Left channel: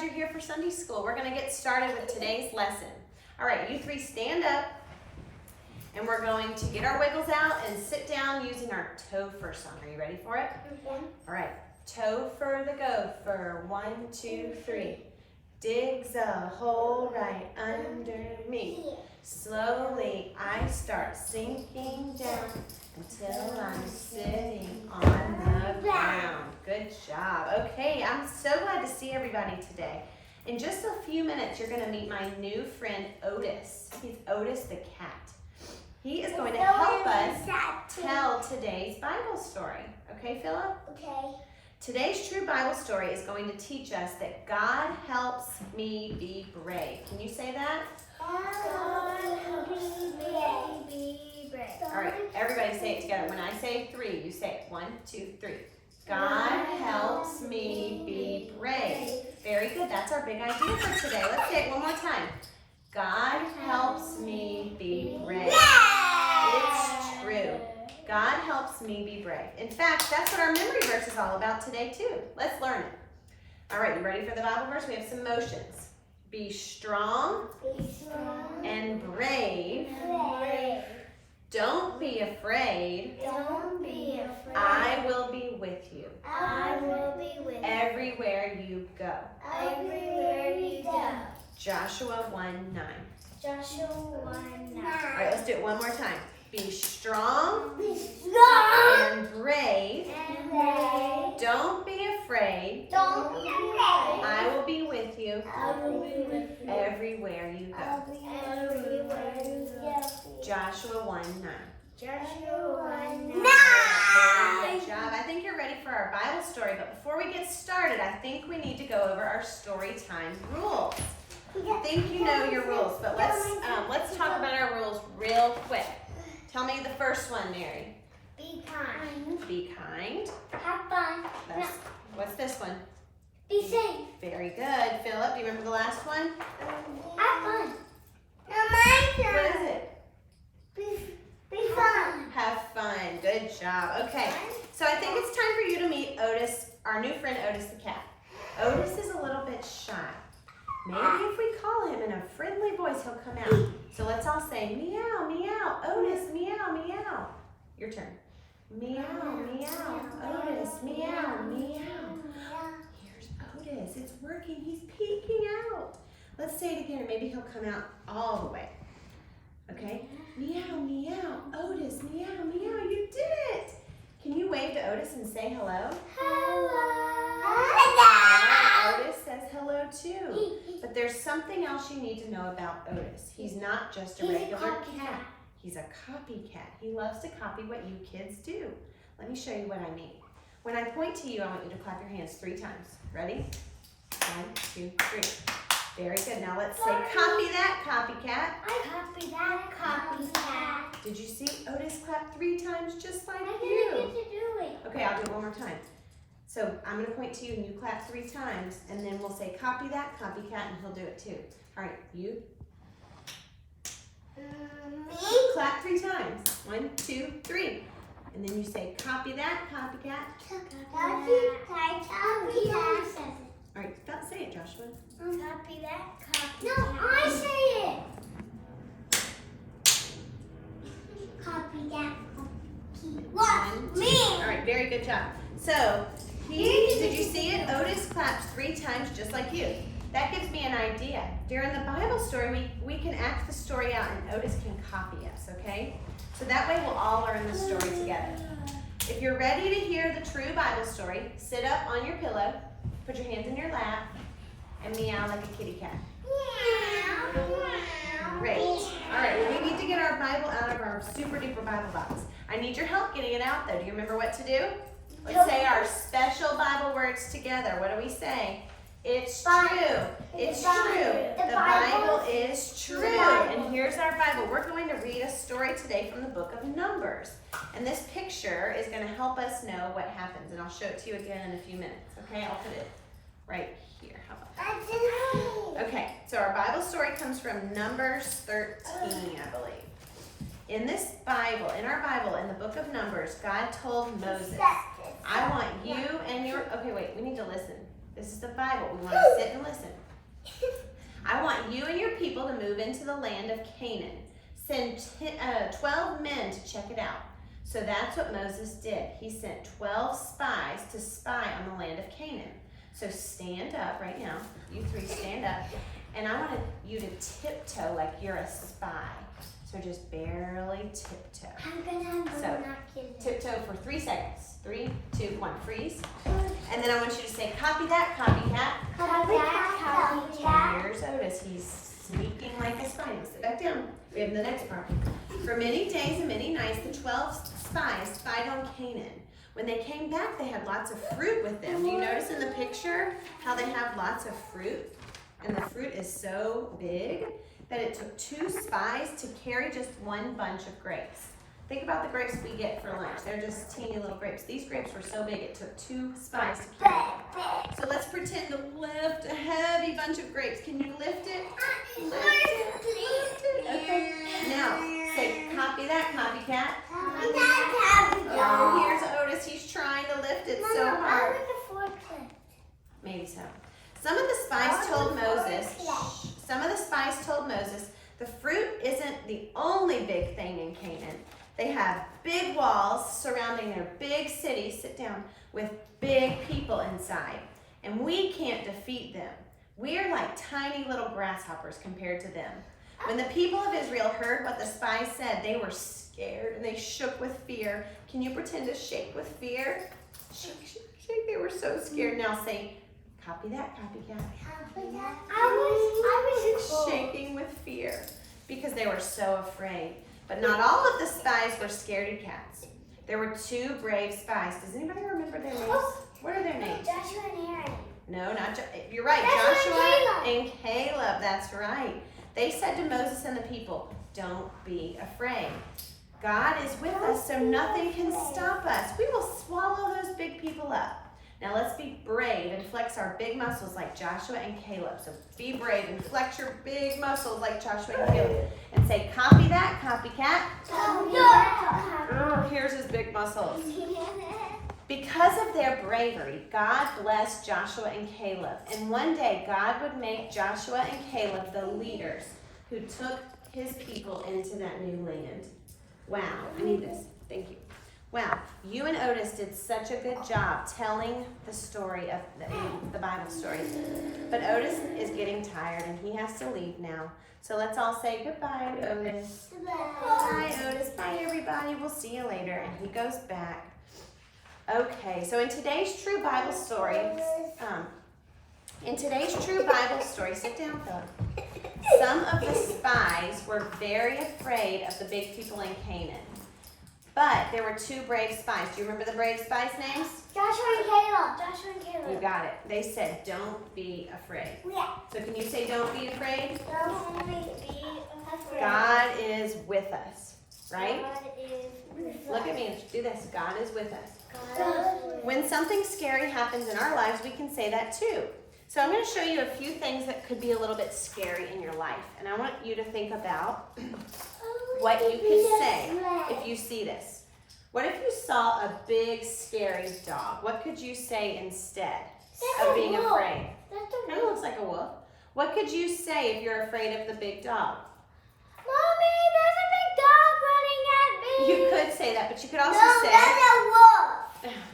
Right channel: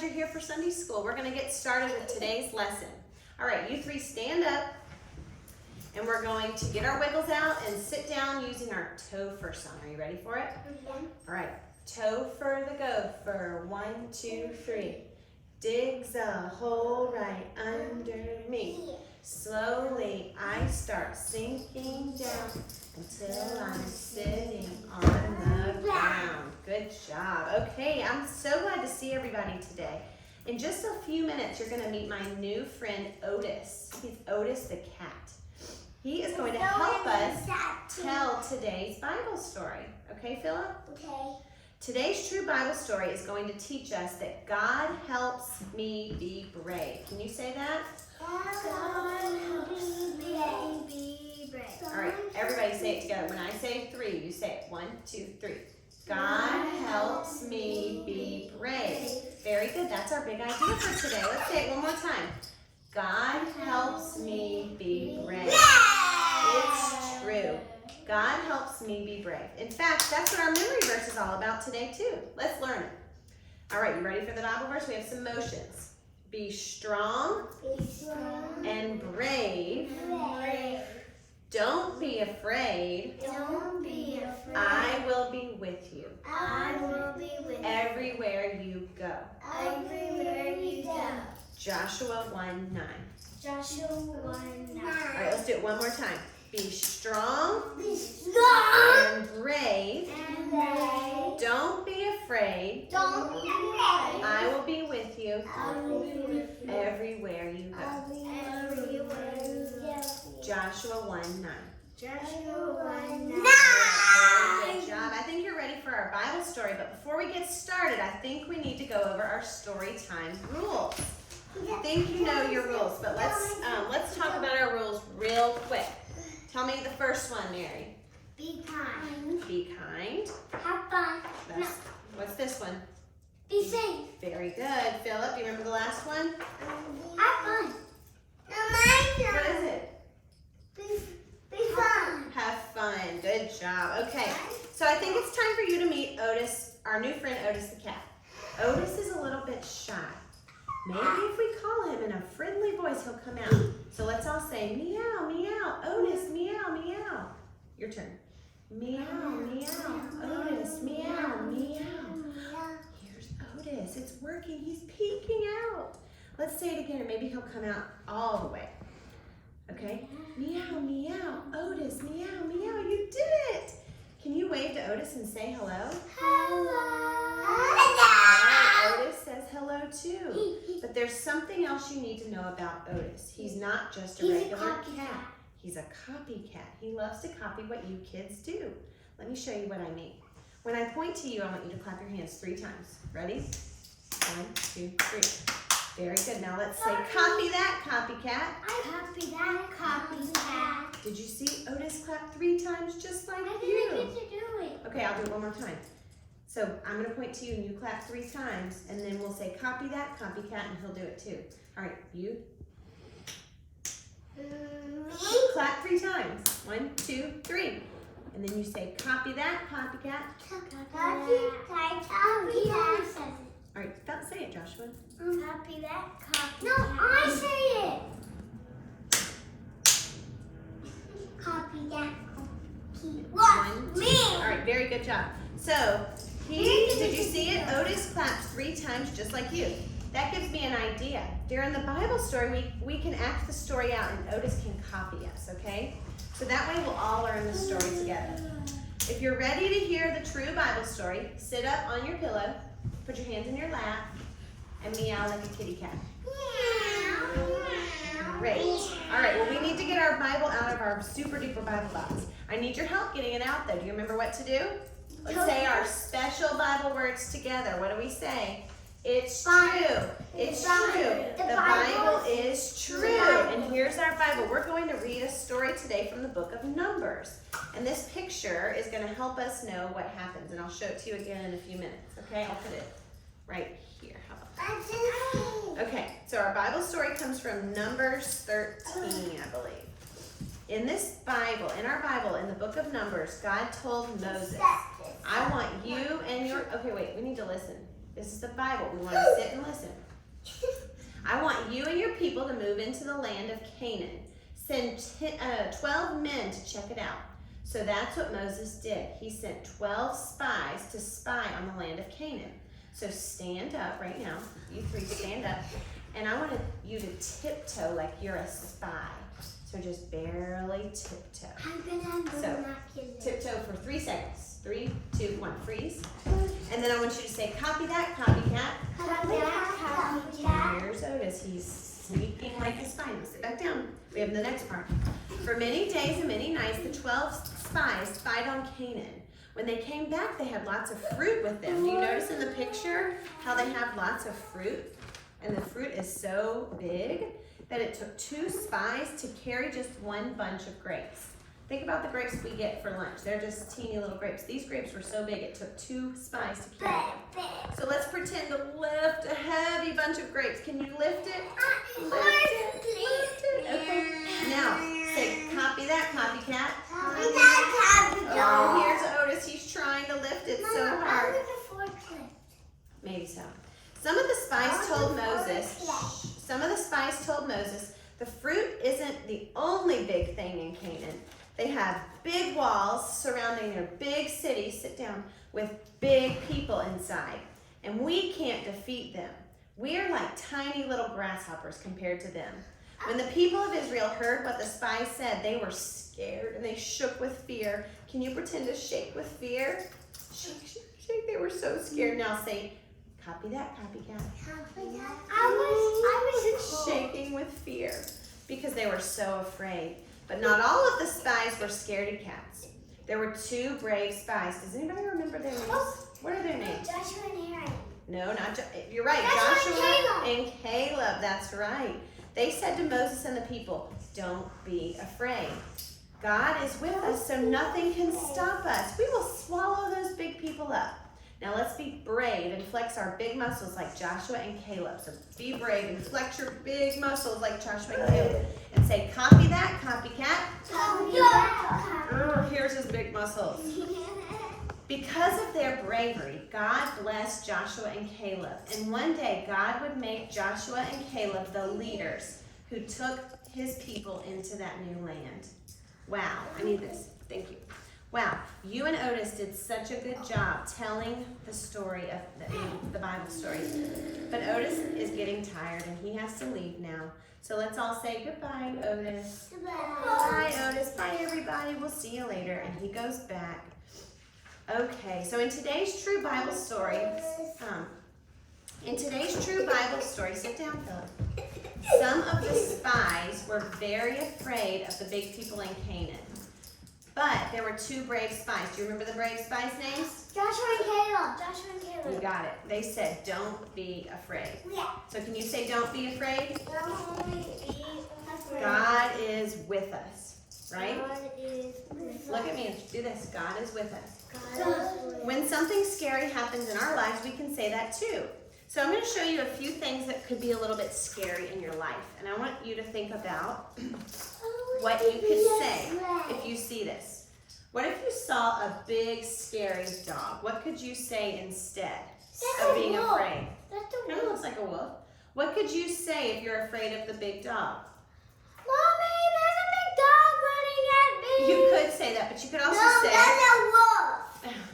glad you're here for Sunday school. We're going to get started with today's lesson. All right, you three stand up, and we're going to get our wiggles out and sit down using our Topher song. Are you ready for it? Mm-hmm. All right, Topher the gopher, 1, 2, 3. Digs a hole right under me. Slowly I start sinking down until I'm sitting on the ground. Good job. Okay, I'm so glad to see everybody today. In just a few minutes, you're going to meet my new friend, Otis. He's Otis the cat. He is going to help us tell today's Bible story. Okay, Philip? Okay. Today's true Bible story is going to teach us that God helps me be brave. Can you say that? God helps me be brave. All right, everybody say it together. When I say 3, you say it. 1, 2, 3. God helps me be brave. Very good. That's our big idea for today. Let's say it one more time. God helps me be brave. It's true. God helps me be brave. In fact, that's what our memory verse is all about today too. Let's learn it. All right, you ready for the Bible verse? We have some motions. Be strong, and brave. Don't be afraid. Don't be afraid. I will be with you. I will be with you. Everywhere you go. Everywhere you go. Joshua 1:9. Joshua 1:9. All right, let's do it one more time. Be strong Be strong and brave. and brave. Don't be afraid. Don't be afraid. I will be with you I will be with you. everywhere you I'll go. be everywhere you go. Joshua 1:9. Joshua 1:9. Very good job. I think you're ready for our Bible story, but before we get started, I think we need to go over our story time rules. I think you know your rules, but let's talk about our rules real quick. Tell me the first one, Mary. Be kind. Be kind. Have fun. What's this one? Be safe. Very good. Philip, do you remember the last one? Have fun. No, my turn. What is it? Be fun. Have fun. Good job. Okay, so I think it's time for you to meet Otis, our new friend Otis the cat. Otis is a little bit shy. Maybe if we call him in a friendly voice, he'll come out. So let's all say, meow, meow, Otis, meow, meow. Your turn. Meow, meow, Otis, meow, meow. Here's Otis. It's working. He's peeking out. Let's say it again, and maybe he'll come out all the way. Okay? Meow, meow, Otis, meow, meow. You did it. Can you wave to Otis and say hello? Otis says hello too. But there's something else you need to know about Otis. He's not just a regular cat. He's a copycat. He loves to copy what you kids do. Let me show you what I mean. When I point to you, I want you to clap your hands 3 times. Ready? 1, 2, 3. Very good. Now let's say, copy that, copycat. Copy that, copycat. Did you see Otis clap 3 times just like I you? didn't get to do it. Okay, I'll do it one more time. So I'm going to point to you and you clap 3 times, and then we'll say, copy that, copycat, and he'll do it too. All right, you clap 3 times. 1, 2, 3. And then you say, copy that, copycat. Copycat. All right, stop saying it, Joshua. Copy that, copycat. No, I say it. Copy that, One, two. All right, very good job. So, did you see it? Otis claps 3 times just like you. That gives me an idea. During the Bible story, we can act the story out and Otis can copy us, okay? So that way we'll all learn the story together. If you're ready to hear the true Bible story, sit up on your pillow, put your hands in your lap, and meow like a kitty cat. Great. All right, well, we need to get our Bible out of our super duper Bible box. I need your help getting it out though. Do you remember what to do? Let's say our special Bible words together. What do we say? It's true. It's true. The Bible is true. And here's our Bible. We're going to read a story today from the book of Numbers. And this picture is going to help us know what happens. And I'll show it to you again in a few minutes. Okay, I'll put it right here. How about that? Okay, so our Bible story comes from Numbers 13, I believe. In this Bible, in our Bible, in the book of Numbers, God told Moses, I want you and your, okay, wait, we need to listen. This is the Bible. We want to sit and listen. I want you and your people to move into the land of Canaan. Send 12 men to check it out. So that's what Moses did. He sent 12 spies to spy on the land of Canaan. So stand up right now. You three stand up. And I want you to tiptoe like you're a spy. So just barely tiptoe. I'm gonna have So binoculars. tiptoe for 3 seconds. 3, 2, 1, freeze. And then I want you to say, copy that, copycat. Copy that, copy that. Here's Otis. He's sneaking like a spy. Now sit back down. We have the next part. For many days and many nights, the 12 spies spied on Canaan. When they came back, they had lots of fruit with them. Do you notice in the picture how they have lots of fruit? And the fruit is so big that it took 2 spies to carry just 1 bunch of grapes. Think about the grapes we get for lunch. They're just teeny little grapes. These grapes were so big, it took 2 spies to carry them. So let's pretend to lift a heavy bunch of grapes. Can you lift it? Lift it, lift it. Okay. Now, say, copy that, copycat. Copy that, copy that. Oh, here's Otis. He's trying to lift it so Mama, I hard. want a forklift. Maybe so. Some of the spies told Moses, the fruit isn't the only big thing in Canaan. They have big walls surrounding their big city, sit down, with big people inside. And we can't defeat them. We're like tiny little grasshoppers compared to them. When the people of Israel heard what the spies said, they were scared and they shook with fear. Can you pretend to shake with fear? Shake, shake, shake. They were so scared. Now say, copy that, copycat. Copy that. I was Shaking with fear because they were so afraid. But not all of the spies were scaredy cats. There were 2 brave spies. Does anybody remember their names? What are their names? Joshua and Aaron. No, not you're right. Joshua and Caleb. That's right. They said to Moses and the people, don't be afraid. God is with us, so nothing can stop us. We will swallow those big people up. Now let's be brave and flex our big muscles like Joshua and Caleb. So be brave and flex your big muscles like Joshua and Caleb. And say, copy that, copycat. Copy that. Here's his big muscles. Because of their bravery, God blessed Joshua and Caleb. And one day, God would make Joshua and Caleb the leaders who took his people into that new land. Wow, I need this. Thank you. Wow, you and Otis did such a good job telling the story of the Bible story. But Otis is getting tired and he has to leave now. So let's all say goodbye, Otis. Bye, Otis. Bye, everybody. We'll see you later. And he goes back. Okay, so in today's true Bible story, sit down, Philip. Some of the spies were very afraid of the big people in Canaan. But there were 2 brave spies. Do you remember the brave spies' names? Joshua and Caleb. You got it. They said, don't be afraid. Yeah. So can you say, don't be afraid? Don't be afraid. God is with us, right? God is with us. Look at me and do this. God is with us. God is with us. When something scary happens in our lives, we can say that too. So I'm going to show you a few things that could be a little bit scary in your life. And I want you to think about what you could say if you see this. What if you saw a big, scary dog? What could you say instead of being afraid? Kind of looks like a wolf. What could you say if you're afraid of the big dog? Mommy, there's a big dog running at me. You could say that, but you could also No, say... that's a wolf.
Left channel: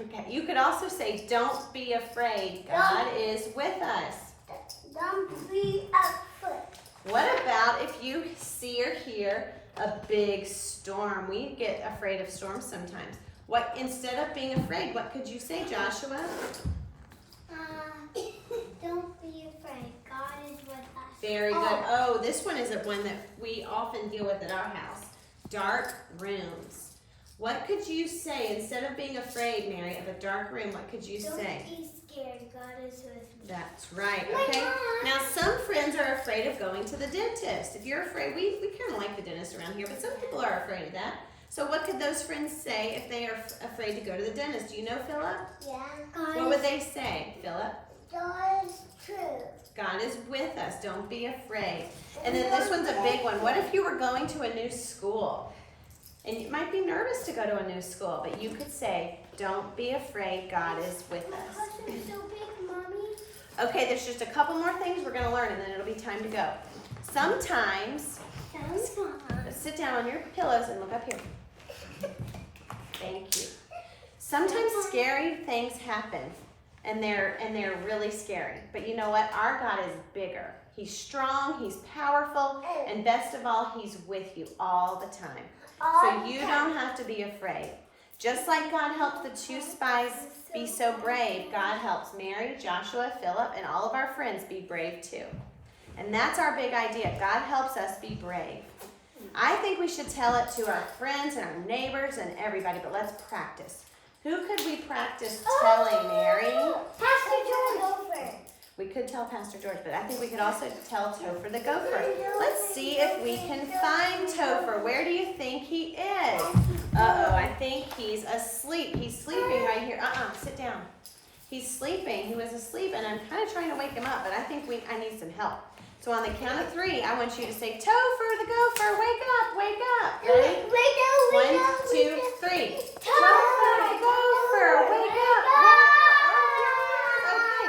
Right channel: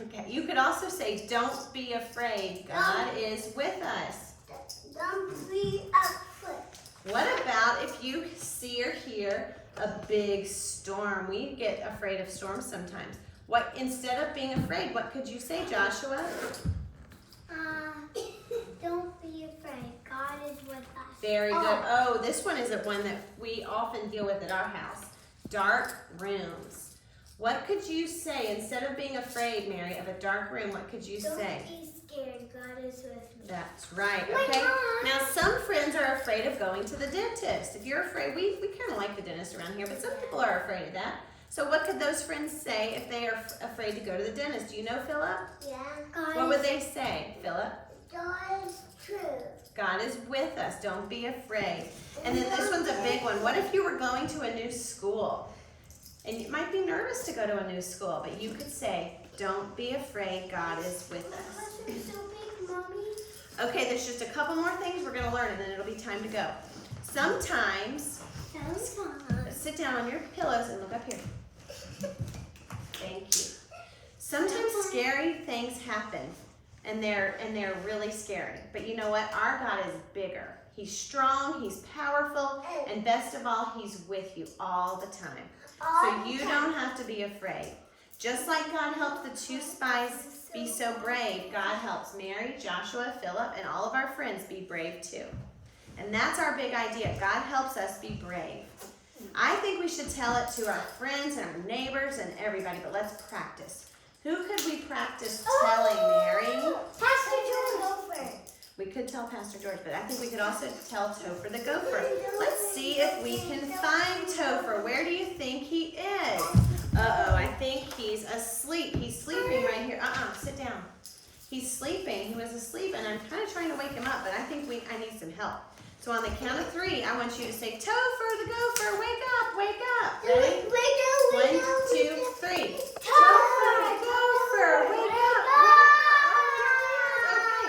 Okay, you could also say, don't be afraid. God is with us. Don't be afraid. What about if you see or hear a big storm? We get afraid of storms sometimes. What, instead of being afraid, what could you say, Joshua? Don't be afraid. God is with us. Very good. Oh, this one is one that we often deal with at our house. Dark rooms. What could you say instead of being afraid, Mary, of a dark room? What could you say? Don't be scared. God is with me. That's right. Okay. Now, some friends are afraid of going to the dentist. If you're afraid, we kind of like the dentist around here, but some people are afraid of that. So what could those friends say if they are afraid to go to the dentist? Do you know, Philip? Yeah. What would they say, Philip? God is true. God is with us. Don't be afraid. And then this one's a big one. What if you were going to a new school? And you might be nervous to go to a new school, but you could say, don't be afraid, God is with us. Because we're so big, Mommy. Okay, there's just a couple more things we're gonna learn and then it'll be time to go. Sometimes, sit down on your pillows and look up here. Thank you. Sometimes scary things happen and they're really scary. But you know what? Our God is bigger. He's strong, he's powerful, and best of all, he's with you all the time. So you don't have to be afraid. Just like God helped the 2 spies be so brave, God helps Mary, Joshua, Philip, and all of our friends be brave too. And that's our big idea. God helps us be brave. I think we should tell it to our friends and our neighbors and everybody, but let's practice. Who could we practice telling, Mary? Pastor George. We could tell Pastor George, but I think we could also tell Topher the gopher. Let's see if we can find Topher. Where do you think he is? Uh-oh, I think he's asleep. He's sleeping right here. Sit down. He's sleeping. He was asleep, and I'm kind of trying to wake him up, but I think I need some help. So on the count of 3, I want you to say, Topher the gopher, wake up, wake up. Ready? 1, 2, 3. Topher the gopher, wake up, Okay.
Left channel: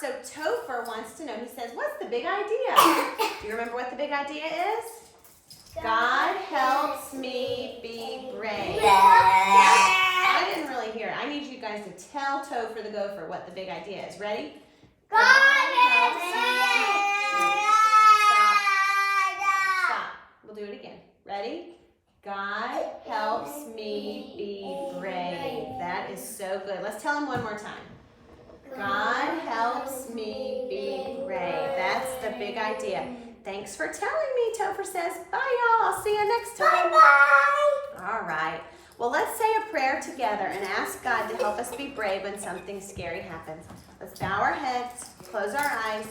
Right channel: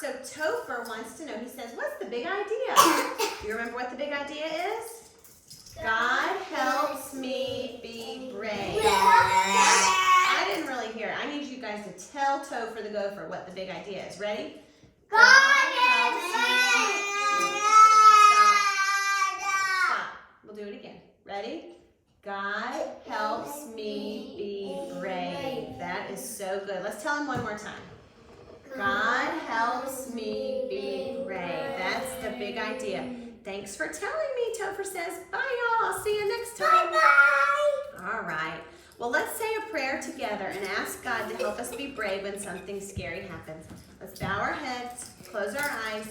So Topher wants to know, he says, what's the big idea? Do you remember what the big idea is? God helps me be brave. I didn't really hear it. I need you guys to tell Topher the gopher what the big idea is. Ready? God helps me. Stop. We'll do it again. Ready? God helps me be brave. That is so good. Let's tell him one more time. God helps me be brave. That's the big idea. Thanks for telling me, Topher says. Bye, y'all. I'll see you next time. Bye-bye. All right. Well, let's say a prayer together and ask God to help us be brave when something scary happens. Let's bow our heads, close our eyes,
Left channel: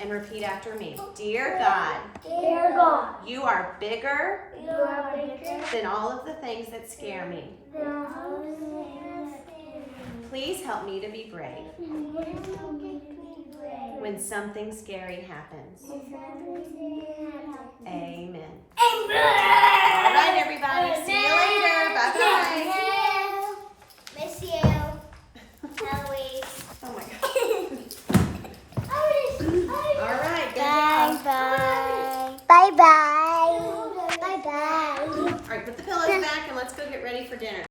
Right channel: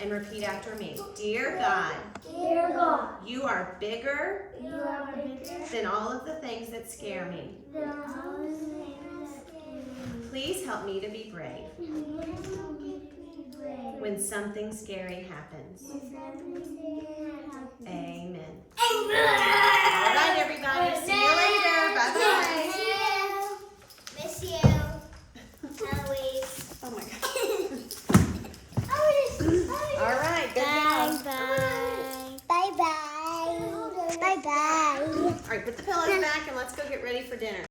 and repeat after me. Dear God, Dear God, you are bigger you are bigger than all of the things that scare me. than all the things. Please help me to be brave when something scary happens. Amen. All right, everybody. See you later. Bye-bye. Miss you. Eloise. Oh, my God. All right. Good job. Bye-bye. Bye-bye. Bye-bye. All right, put the pillows back and let's go get ready for dinner.